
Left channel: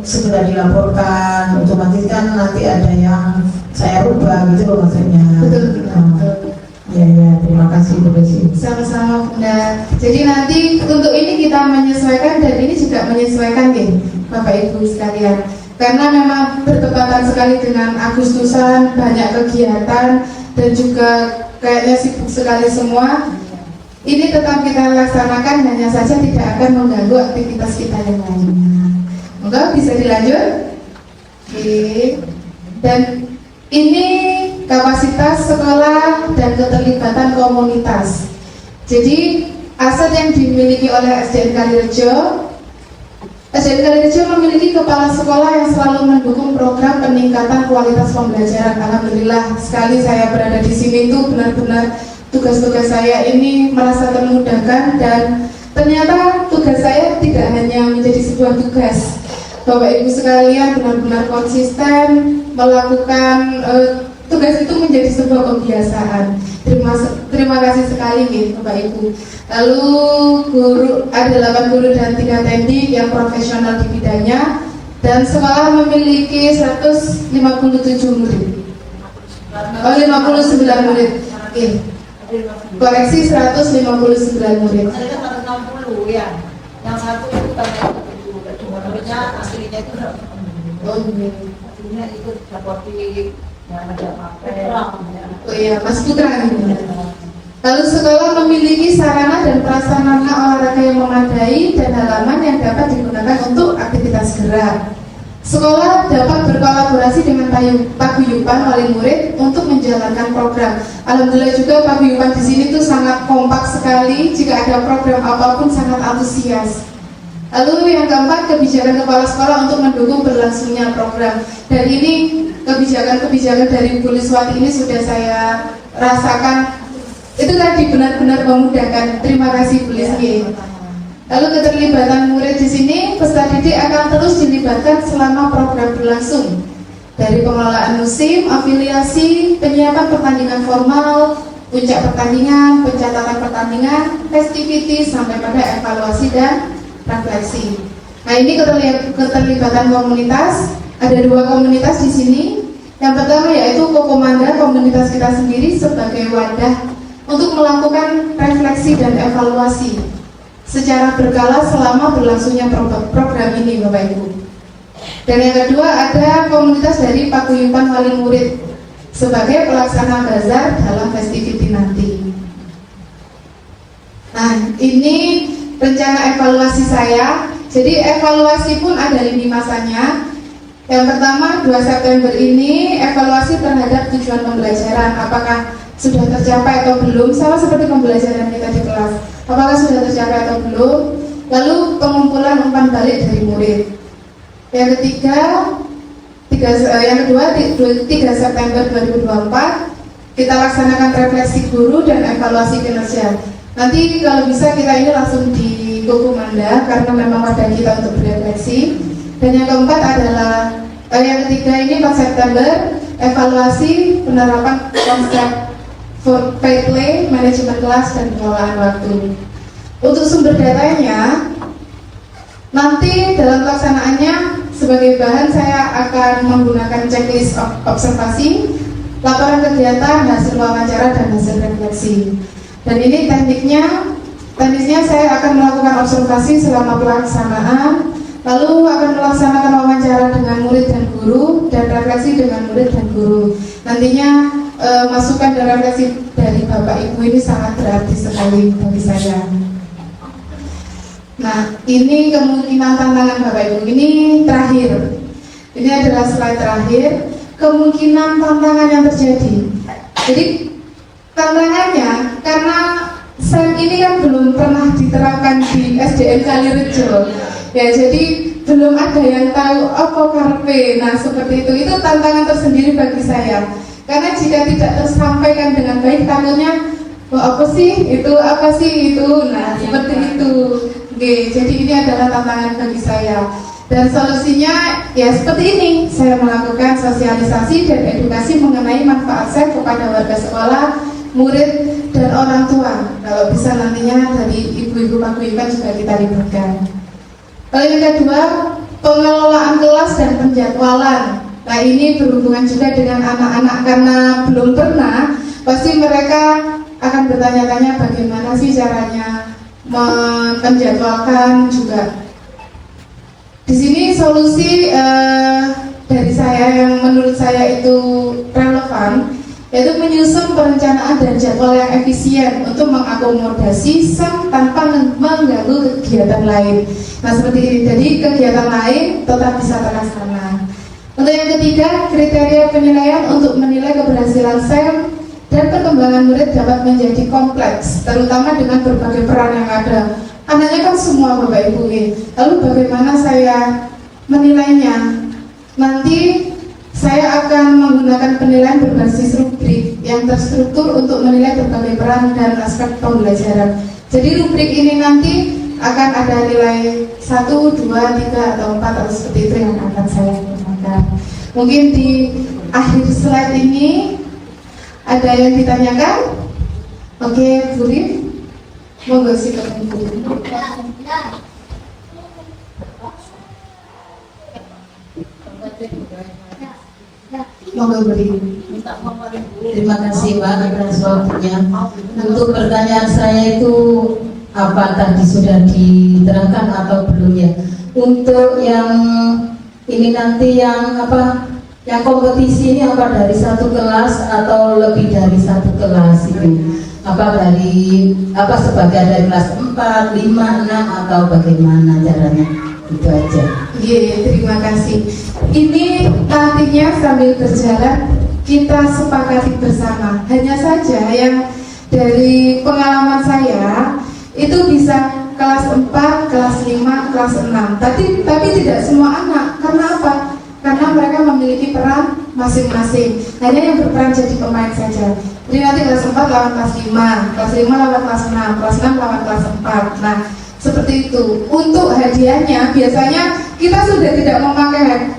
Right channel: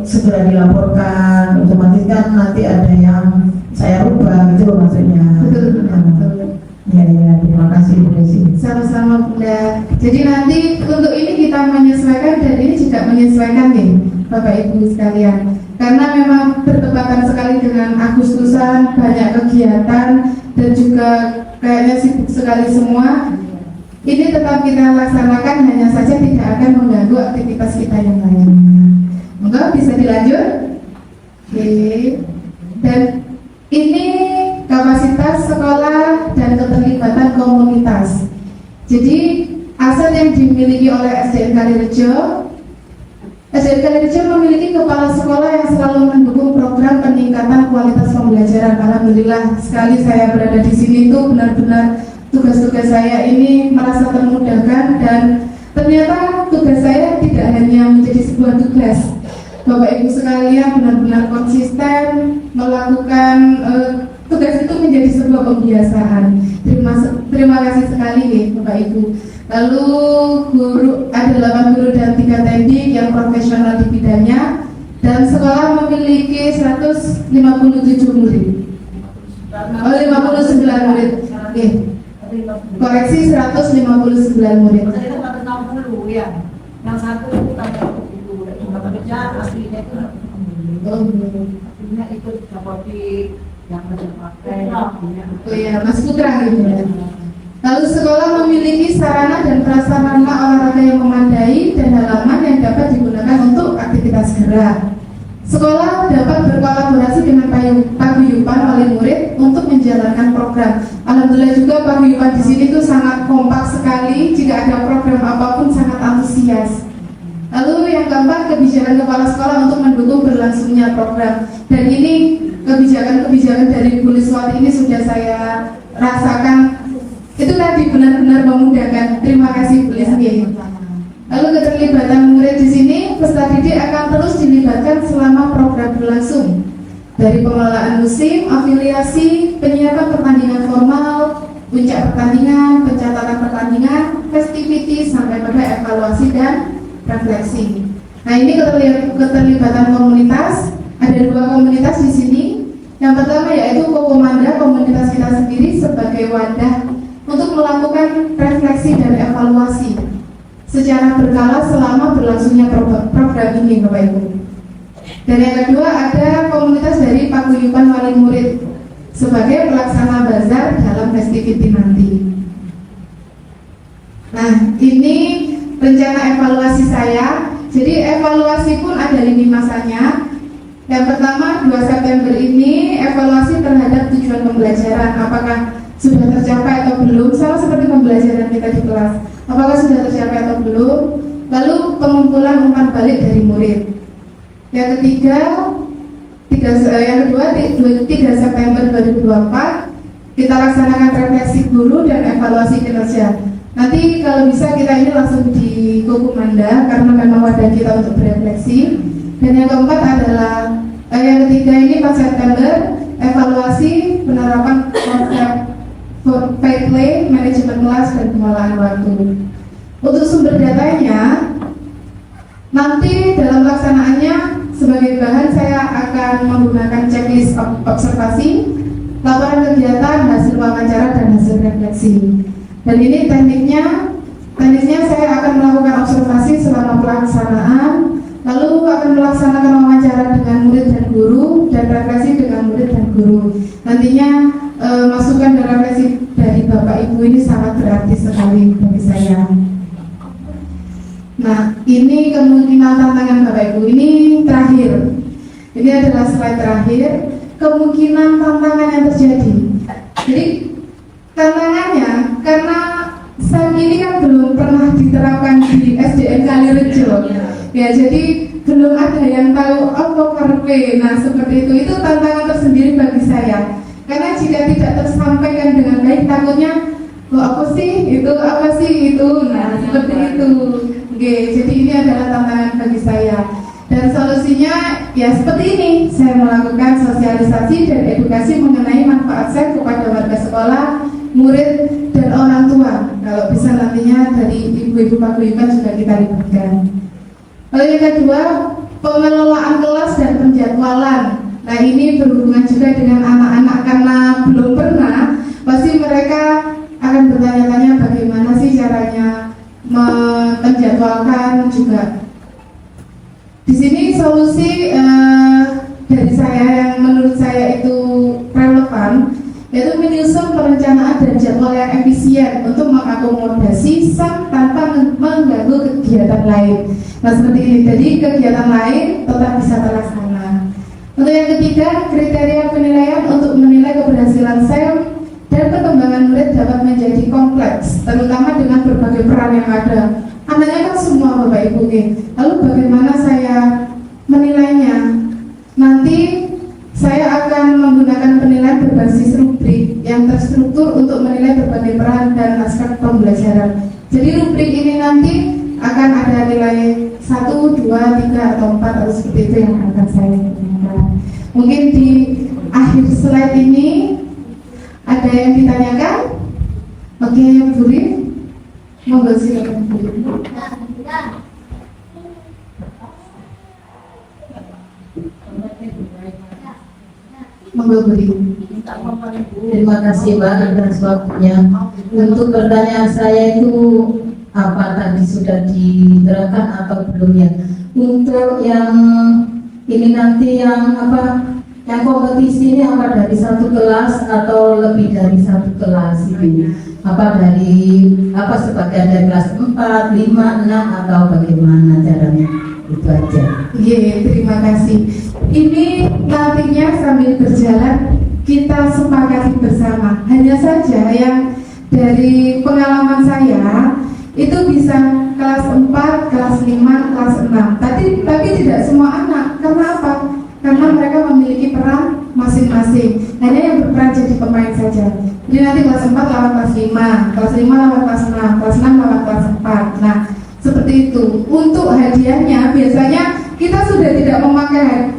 segera dilaporkan, otomatis kan nanti ada yang saya rubah gitu loh maksudnya. Betul. Ya, terima kasih Bu Desi. Sama-sama Bunda. Jadi nanti untuk ini kita menyesuaikan dan ini juga menyesuaikan nih Bapak Ibu sekalian. Karena memang bertepatan sekali dengan Agustusan, banyak kegiatan dan juga kayaknya sibuk sekali semua. Ini tetap kita laksanakan, hanya saja tidak akan mengganggu aktivitas kita yang lainnya. Enggak, bisa dilanjut? Oke. Dan ini kapasitas sekolah dan keterlibatan komunitas. Jadi aset yang dimiliki oleh SDN Kalirejo, SDN Kalirejo memiliki kepala sekolah yang selalu mendukung program peningkatan kualitas pembelajaran. Alhamdulillah sekali saya berada di sini itu benar-benar tugas-tugas saya ini merasa termudahkan dan ternyata tugas saya tidak hanya menjadi sebuah tugas, Bapak Ibu sekalian benar-benar konsisten melakukan tugas itu menjadi sebuah kebiasaan. Terima kasih sekali nih Bapak Ibu. Lalu ada 8 guru dan 3 teknik yang profesional di bidangnya, dan sekolah memiliki 157 murid. 59 murid. Oke. Koreksi 159 murid. Tadi kan 60 ya. Yang satu itu tambah 7. Cuma namanya aslinya itu 60. Aslinya ikut seperti yang ada pakai. Oh iya, Mas Putra gitu. Lalu sekolah memiliki sarana dan prasarana olahraga yang memadai dan halaman yang dapat digunakan untuk aktivitas gerak. Sekolah dapat berkolaborasi dengan paguyuban wali murid untuk menjalankan program. Alhamdulillah juga paguyuban di sini tuh sangat kompak sekali. Jika ada program apapun sangat antusias. Lalu yang keempat, kebijakan kepala sekolah untuk mendukung berlangsungnya program. Dan ini kebijakan-kebijakan dari Bu Liswati ini sudah saya rasakan. Itu tadi benar-benar memudahkan. Terima kasih Bu Liswati. Lalu keterlibatan murid di sini, peserta didik akan terus dilibatkan selama program berlangsung. Dari pengelolaan musim, afiliasi, penyiapan pertandingan formal, puncak pertandingan, pencatatan pertandingan, festivity, sampai pada evaluasi dan refleksi. Nah, ini keterlibatan komunitas. Ada 2 komunitas di sini. Yang pertama yaitu Kokomanda, komunitas kita sendiri sebagai wadah untuk melakukan refleksi dan evaluasi secara berkala selama berlangsungnya program ini, Bapak Ibu. Dan yang kedua ada komunitas dari paguyuban wali murid sebagai pelaksana bazar dalam festivity nanti. Nah, ini rencana evaluasi saya. Jadi evaluasi pun ada lini masanya. Yang pertama 2 September ini evaluasi terhadap tujuan pembelajaran. Apakah sudah tercapai atau belum, sama seperti pembelajaran kita di kelas. Apakah sudah tercapai atau belum? Lalu pengumpulan umpan balik dari murid. Yang kedua 3 September 2024 kita laksanakan refleksi guru dan evaluasi kinerja. Nanti kalau bisa kita ini langsung di Kokomanda karena memang wadah kita untuk berefleksi. Dan yang keempat adalah yang ketiga ini 4 September evaluasi penerapan konsep fair play, manajemen kelas, dan pengelolaan waktu. Untuk sumber datanya, nanti dalam pelaksanaannya sebagai bahan saya akan menggunakan checklist observasi, laporan kegiatan, hasil wawancara, dan hasil refleksi. Dan ini tekniknya saya akan melakukan observasi selama pelaksanaan, lalu akan melaksanakan wawancara dengan murid dan guru, dan refleksi dengan murid dan guru. Nantinya masukan dan refleksi dari Bapak Ibu ini sangat berarti sekali bagi saya. Nah, ini kemungkinan tantangan Bapak Ibu. Ini terakhir. Ini adalah slide terakhir. Kemungkinan tantangan yang terjadi. Jadi tantangannya karena SEM ini kan belum pernah diterapkan di SDN Kalirejo. Ya, jadi belum ada yang tahu apa karpe. Nah, seperti itu. Itu tantangan tersendiri bagi saya. Karena jika tidak tersampaikan dengan baik, takutnya apa sih itu. Nah, seperti itu. Oke, jadi ini adalah tantangan bagi saya. Dan solusinya ya seperti ini. Saya melakukan sosialisasi dan edukasi mengenai manfaat SEM kepada warga sekolah, murid, dan orang tua. Kalau bisa nantinya dari ibu-ibu paguyuban juga kita libatkan. Lalu yang kedua, pengelolaan kelas dan penjadwalan. Nah, ini berhubungan juga dengan anak-anak karena belum pernah, pasti mereka akan bertanya-tanya bagaimana sih caranya menjadwalkan juga. Di sini solusi dari saya yang menurut saya itu relevan, yaitu menyusun perencanaan dan jadwal yang efisien untuk mengakomodasi SEM tanpa mengganggu kegiatan lain. Nah, seperti ini, jadi kegiatan lain tetap bisa terlaksana. Untuk yang ketiga, kriteria penilaian untuk menilai keberhasilan SEM dan perkembangan murid dapat menjadi kompleks, terutama dengan berbagai peran yang ada. Anaknya kan semua Bapak Ibu. Lalu bagaimana saya menilainya? Nanti saya akan menggunakan penilaian berbasis rubrik yang terstruktur untuk menilai berbagai peran dan aspek pembelajaran. Jadi rubrik ini nanti akan ada nilai 1, 2, 3, atau 4 atau seperti itu yang akan saya gunakan. Mungkin di akhir slide ini ada yang ditanyakan? Oke, Bu Rin, monggo silakan Bu Rin. Monggo Bu Rin. Terima kasih Mbak atas waktunya. Untuk pertanyaan saya itu apa tadi sudah diterangkan atau belum ya? Untuk yang ini nanti yang apa? Yang kompetisi ini apa dari satu kelas atau lebih dari satu kelas itu? Apa dari apa sebagian dari kelas 4, 5, 6 atau bagaimana caranya? Itu aja. Iya, terima kasih. Ini nantinya sambil berjalan kita sepakati bersama. Hanya saja yang dari pengalaman saya itu bisa kelas 4, kelas 5, kelas 6. Tapi tidak semua anak. Karena apa? Karena mereka memiliki peran masing-masing. Hanya yang berperan jadi pemain saja. Jadi nanti kelas 4 lawan kelas 5, kelas 5 lawan kelas 6, kelas 6 lawan kelas 4. Nah, seperti itu. Untuk hadiahnya biasanya kita sudah tidak memakai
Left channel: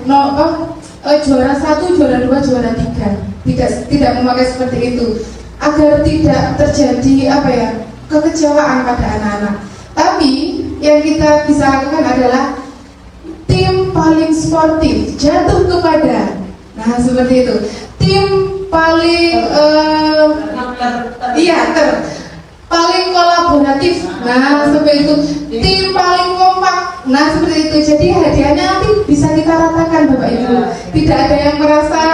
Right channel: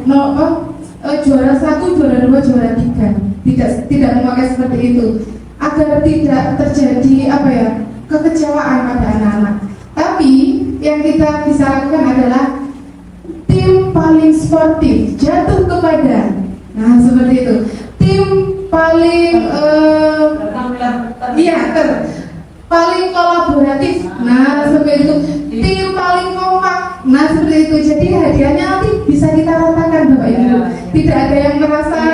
juara 1, juara 2, juara 3. Tidak memakai seperti itu. Agar tidak terjadi kekecewaan pada anak-anak. Tapi yang kita bisa lakukan adalah tim paling sportif jatuh kepada, nah seperti itu, tim paling paling kolaboratif, nah seperti itu, tim paling kompak, nah seperti itu. Jadi hadiahnya nanti bisa kita ratakan Bapak Ibu, tidak ada yang merasa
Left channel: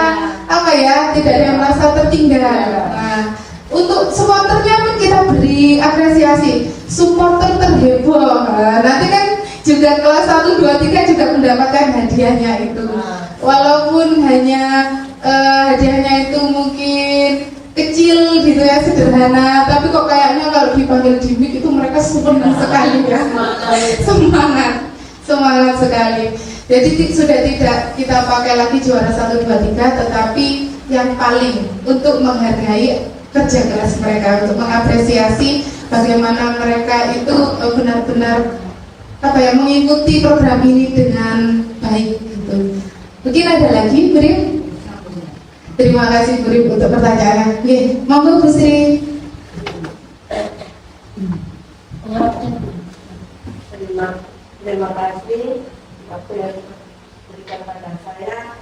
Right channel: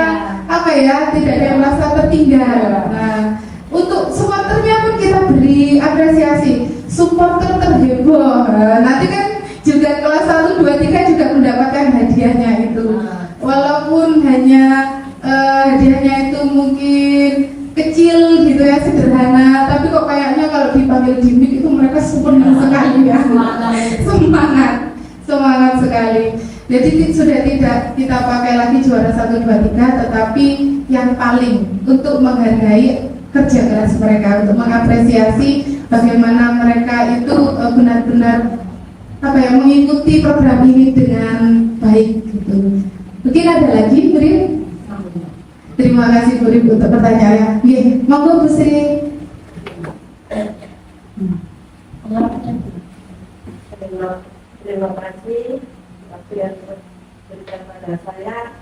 tidak ada yang merasa tertinggal. Nah, untuk supporternya pun kita beri apresiasi, supporter terheboh. Nah, nanti kan juga kelas 1, 2, 3 juga mendapatkan hadiahnya itu. Walaupun hanya hadiahnya itu mungkin kecil gitu ya, sederhana, tapi kok kayaknya kalau dipanggil di mic itu mereka senang sekali ya. Semangat sekali. Jadi sudah tidak kita pakai lagi juara 1, 2, 3, tetapi yang paling untuk menghargai kerja keras mereka, untuk mengapresiasi bagaimana mereka itu benar-benar mengikuti program ini dengan baik gitu. Mungkin ada lagi, Bu Rin? Terima kasih Bu Rin untuk pertanyaannya. Oke, monggo Bu Sri. Terima kasih waktu yang diberikan pada saya.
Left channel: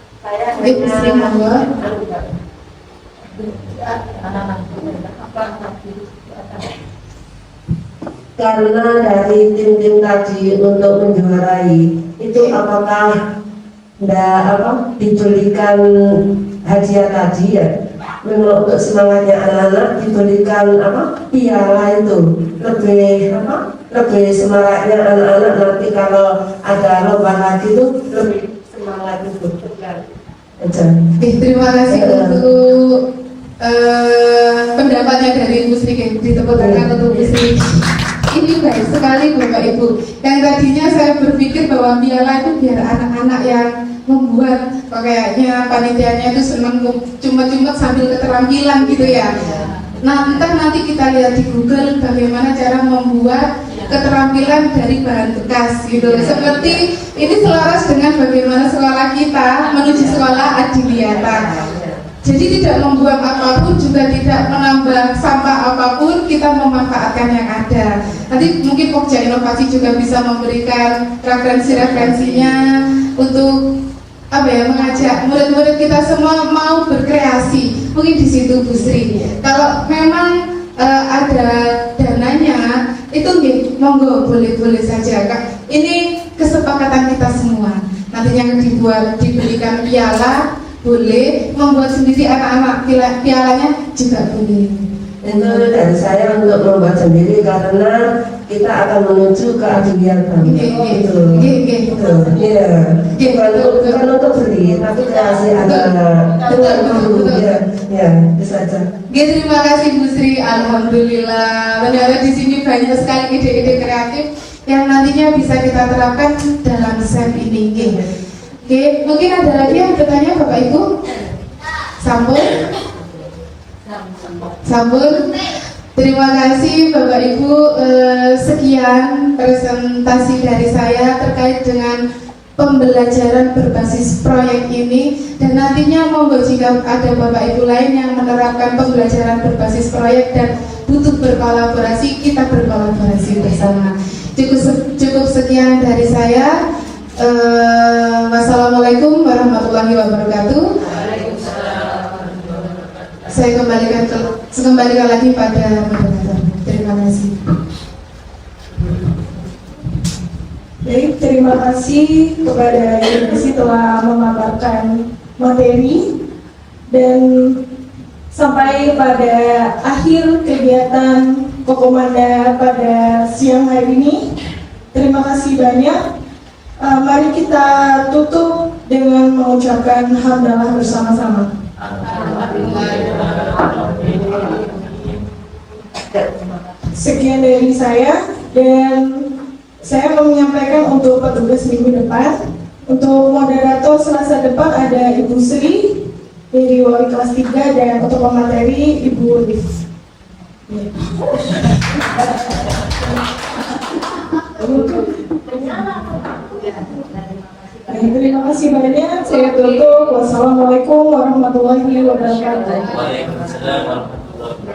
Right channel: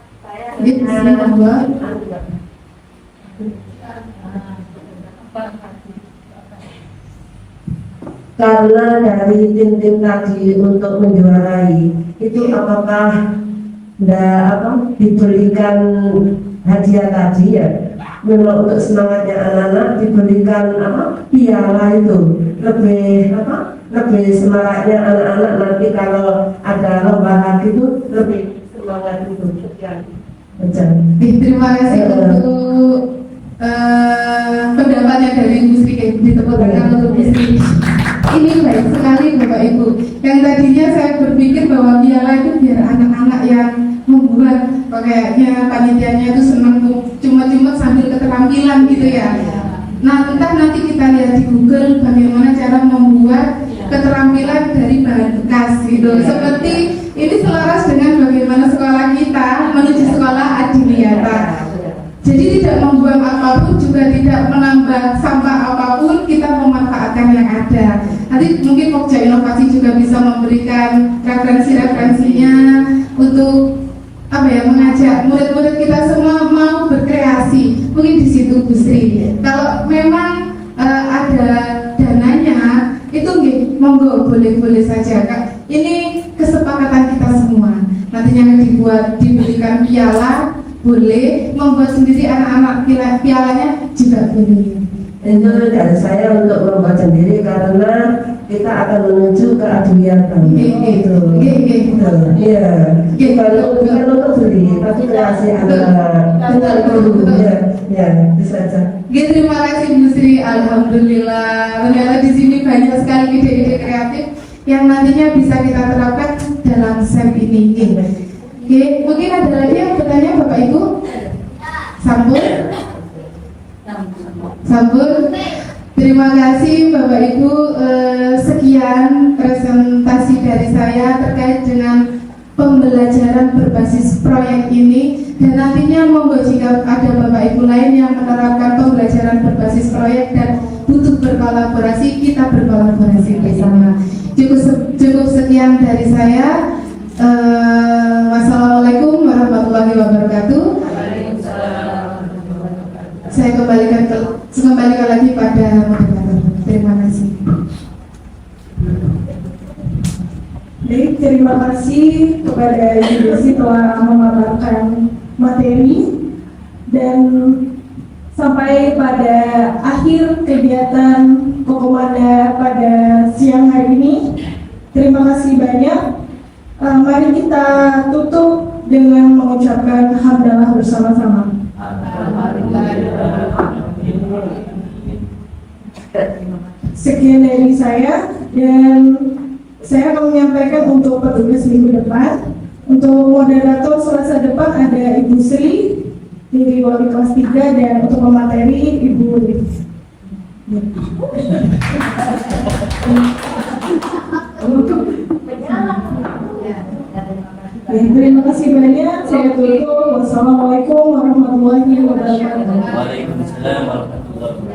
Bu Sri, monggo. Karena dari tim-tim tadi untuk menjuarai itu apakah diberikan hadiah tadi ya? Memang untuk semangatnya anak-anak diberikan piala itu lebih semangatnya anak-anak nanti kalau ada lomba lagi itu lebih semangat itu. Terima kasih untuk pendapatnya dari Bu Sri, ditepuk tangan untuk Bu Sri. Ini baik sekali Bapak Ibu. Yang tadinya saya berpikir bahwa piala itu biar anak-anak yang membuat, kayaknya panitianya itu senang cuma-cuma sambil keterampilan gitu ya. Nah, entah nanti kita lihat di Google bagaimana cara membuat keterampilan dari bahan bekas gitu. Seperti ini selaras dengan bagaimana sekolah kita menuju sekolah adiwiyata. Jadi tidak membuang apapun, juga tidak menambah sampah apapun, kita memanfaatkan yang ada. Nanti mungkin Pokja Inovasi juga bisa memberikan referensi-referensinya untuk mengajak murid-murid kita semua mau berkreasi. Mungkin di situ Bu Sri. Kalau memang ada dananya, itu monggo boleh-boleh saja Kak. Ini kesepakatan kita semua. Nantinya diberikan piala, boleh, membuat sendiri anak-anak pialanya juga boleh. Itu dari saya untuk membuat sendiri karena kita akan menuju ke adiwiyata. Bukan untuk beli, tapi kreasi anak-anak. Ya, bisa saja. Terima kasih Bu Sri, alhamdulillah. Ternyata di sini banyak sekali ide-ide kreatif yang nantinya bisa kita terapkan dalam SEM ini. Oke, mungkin ada lagi yang bertanya Bapak Ibu? Sampun? Terima kasih Bapak Ibu. Sekian presentasi dari saya terkait dengan pembelajaran berbasis proyek ini, dan nantinya monggo jika ada Bapak Ibu lain yang menerapkan pembelajaran berbasis proyek dan butuh berkolaborasi, kita berkolaborasi bersama. Cukup sekian dari saya. Wassalamualaikum warahmatullahi wabarakatuh. Saya kembalikan lagi pada moderator. Terima kasih. Baik, terima kasih kepada Ibu Desi telah memaparkan materi, dan sampai pada akhir kegiatan Kokomanda pada siang hari ini. Terima kasih banyak. Mari kita tutup dengan mengucapkan hamdalah bersama-sama. Sekian dari saya, dan saya mau menyampaikan untuk petugas minggu depan. Untuk moderator Selasa depan ada Ibu Sri dari Wali kelas 3, dan untuk pemateri Ibu Liv. Terima kasih banyak. Saya tutup. Wassalamualaikum warahmatullahi wabarakatuh. Waalaikumsalam warahmatullahi wabarakatuh.